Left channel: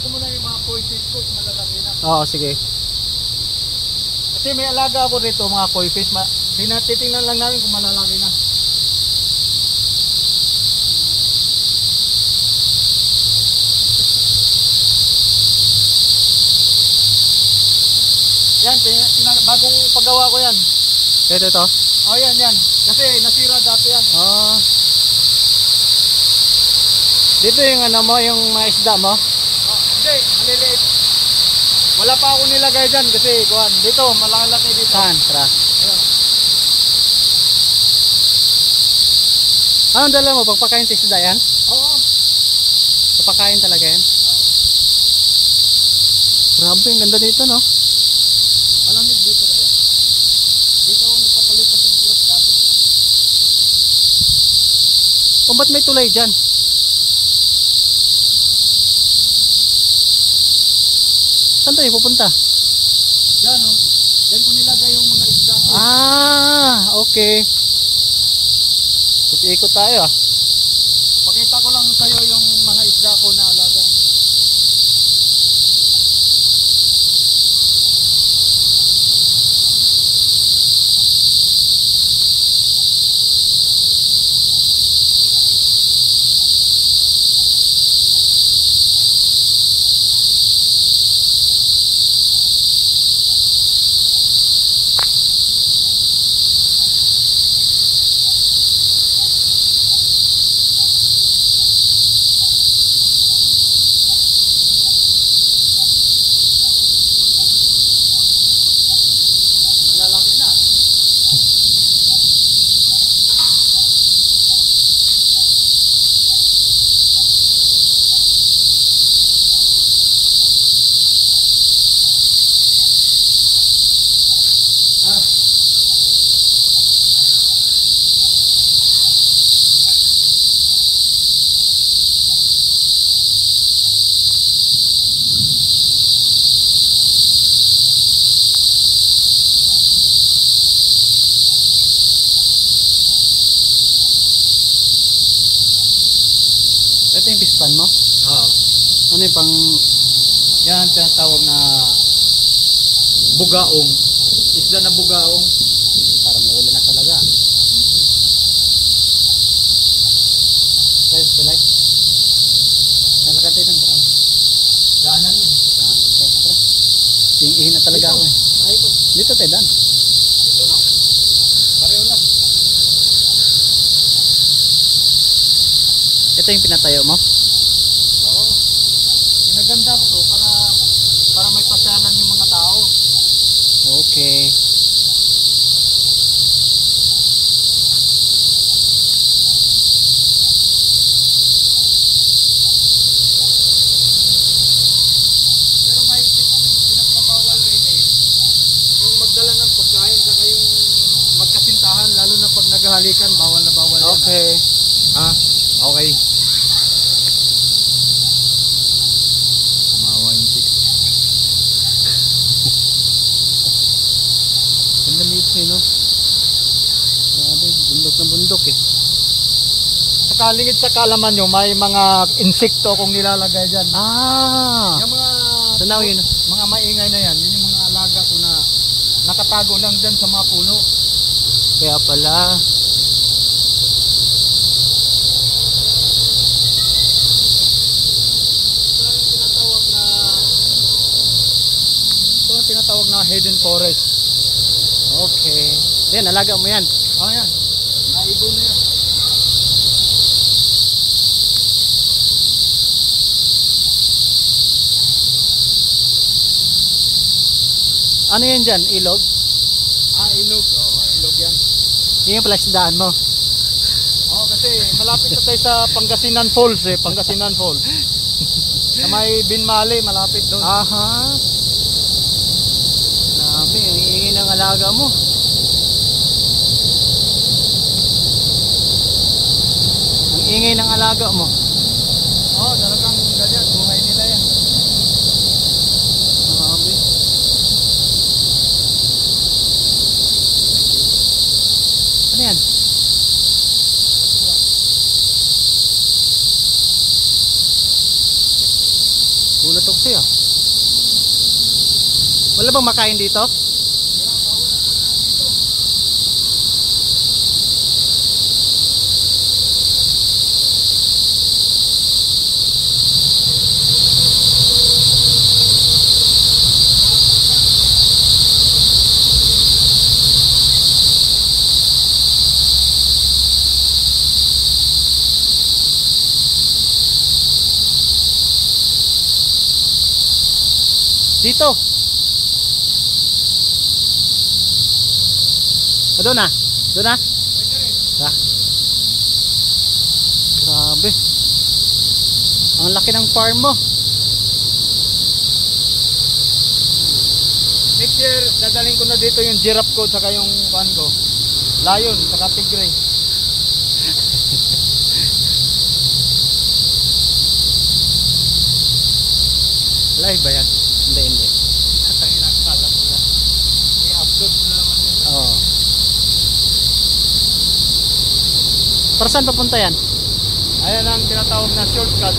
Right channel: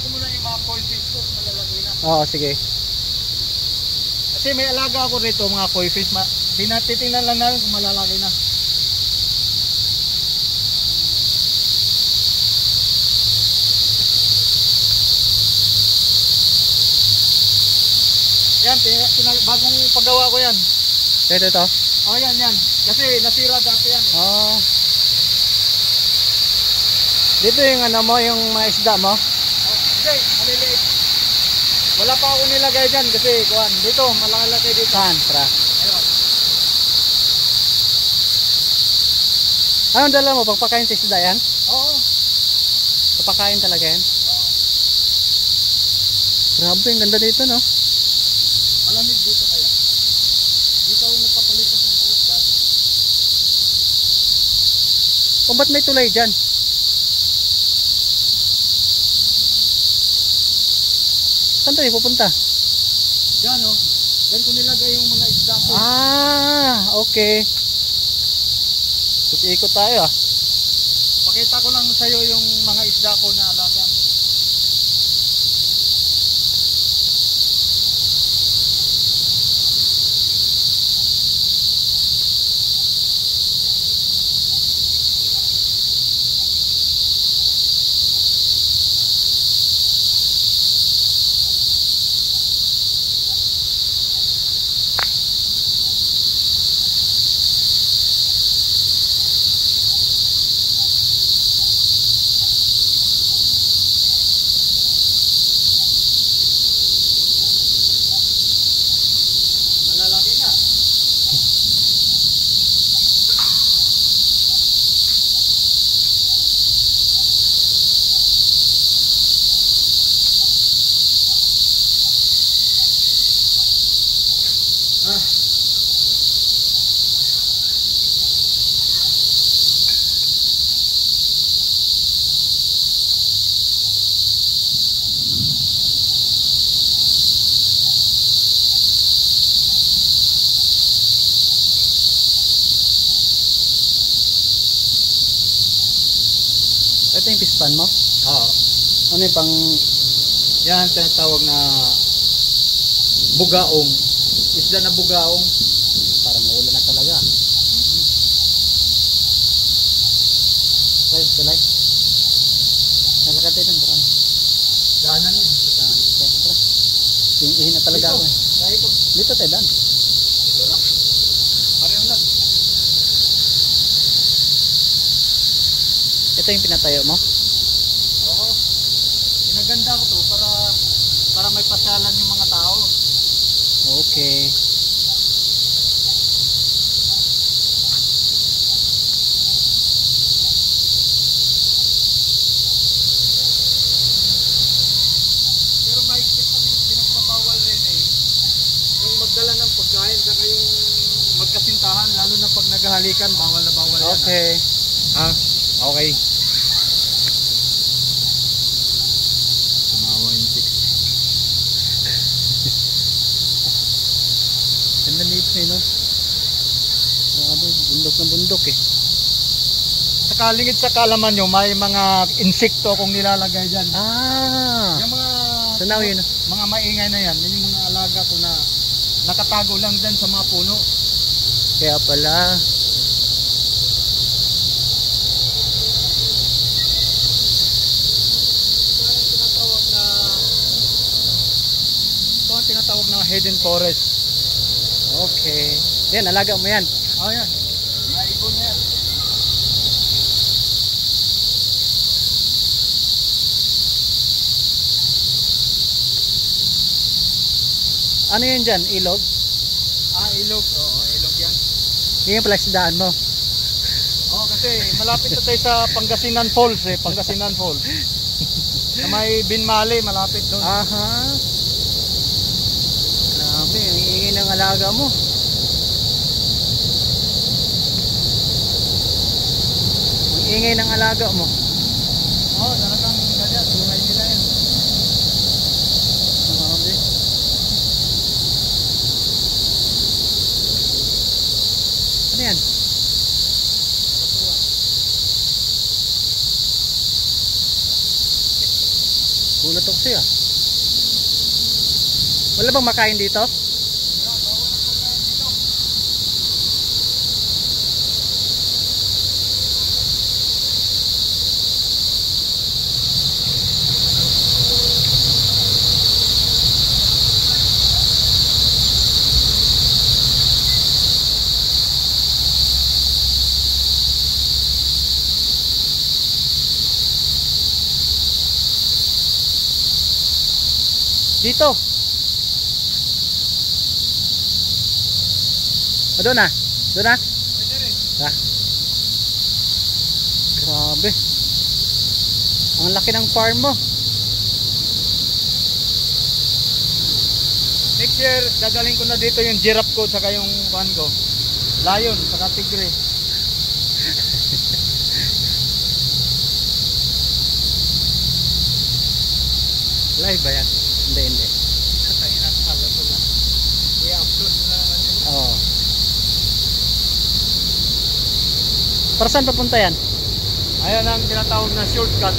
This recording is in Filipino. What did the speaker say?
titingnan ko muna yung mga koi fish ko kung malalaki na. Oo, sige. Kasi may alaga ako rito mga koi fish. Titingnan lang namin kung malalaki na. Yan, bagong paggawa ko yan. Ito. Oh, yan. Kasi nasira dati yan. Oh. Dito yung ano mo, yung mga isda mo? Hindi, maliliit. Wala pa ako nilagay dyan kasi kuhan. Dito, malaki dito. Saan? Tara. Ayun. Anong dala mo? Pagpakain sa isda yan? Oo. Pagpakain talaga yan? Grabe, ang ganda dito, no? Malamig dito kaya. Dito ako nagpapalit sa oras dati. Kung ba't may tulay dyan? Saan tayo pupunta? Diyan o. Diyan ko nilagay yung mga isda ko. Ah, okay. Ikot tayo ah. Pakita ko lang sa'yo yung mga isda ko na alaga. Malalaki na. Ito yung pispan mo? Oo. Ano yung pang... Yan tinatawag na bugaong. Isda na bugaong. Parang uulan na talaga. Okay, tulay. Nalakad tayo ng barang. Daanan yun. Tara. Ihin na talaga ako. Bahay ko. Dito tayo dan. Ito lang. Pareho lang. Ito yung pinatayo mo? Oo. Ginaganda ko to para may pasyalan yung mga tao. Okay. Pero may pinagbabawal rin eh. Yung magdala ng pagkain saka yung magkasintahan lalo na pag naghahalikan bawal na bawal yan. Okay. Ah, okay. Tumawa yung chicks. Ganda nito eh, no? Grabe, bundok na bundok eh. Sa kalingid sa kalaman nyo, may mga insekto akong nilalagay dyan. Ah! Yung mga So now yun. mga maingay na yan, yun yung mga alaga ko na nakatago lang dyan sa mga puno. Kaya pala. Ito ang tinatawag na hidden forest. Okay. Yan, alaga mo yan. Oh yan, mga ibon na yan. Ano yan dyan? Ilog? Ah, ilog. Oo, ilog yan. Yan yung pala isdaan mo. Oo, kasi malapit na tayo sa Pangasinan Falls eh. Pangasinan Falls. Na may Binmali, malapit doon. Aha. Grabe, ang iingay ng alaga mo. Ang ingay ng alaga mo. Oo, talagang ganyan. Buhay nila yan. Grabe. Ano yan? Gulat ako sa'yo. Wala bang makain dito? Dito. O, doon na. Doon na. Ha? Grabe. Ang laki ng farm mo. Next year, dadaling ko na dito yung giraffe ko saka yung kuan ko. Lion, saka tigre. Live ba yan? Hindi, hindi. Tayo nakakala ko na. I-upload mo na naman yun. Oo. Para saan papunta yan? Ayan ang tinatawag na shortcut.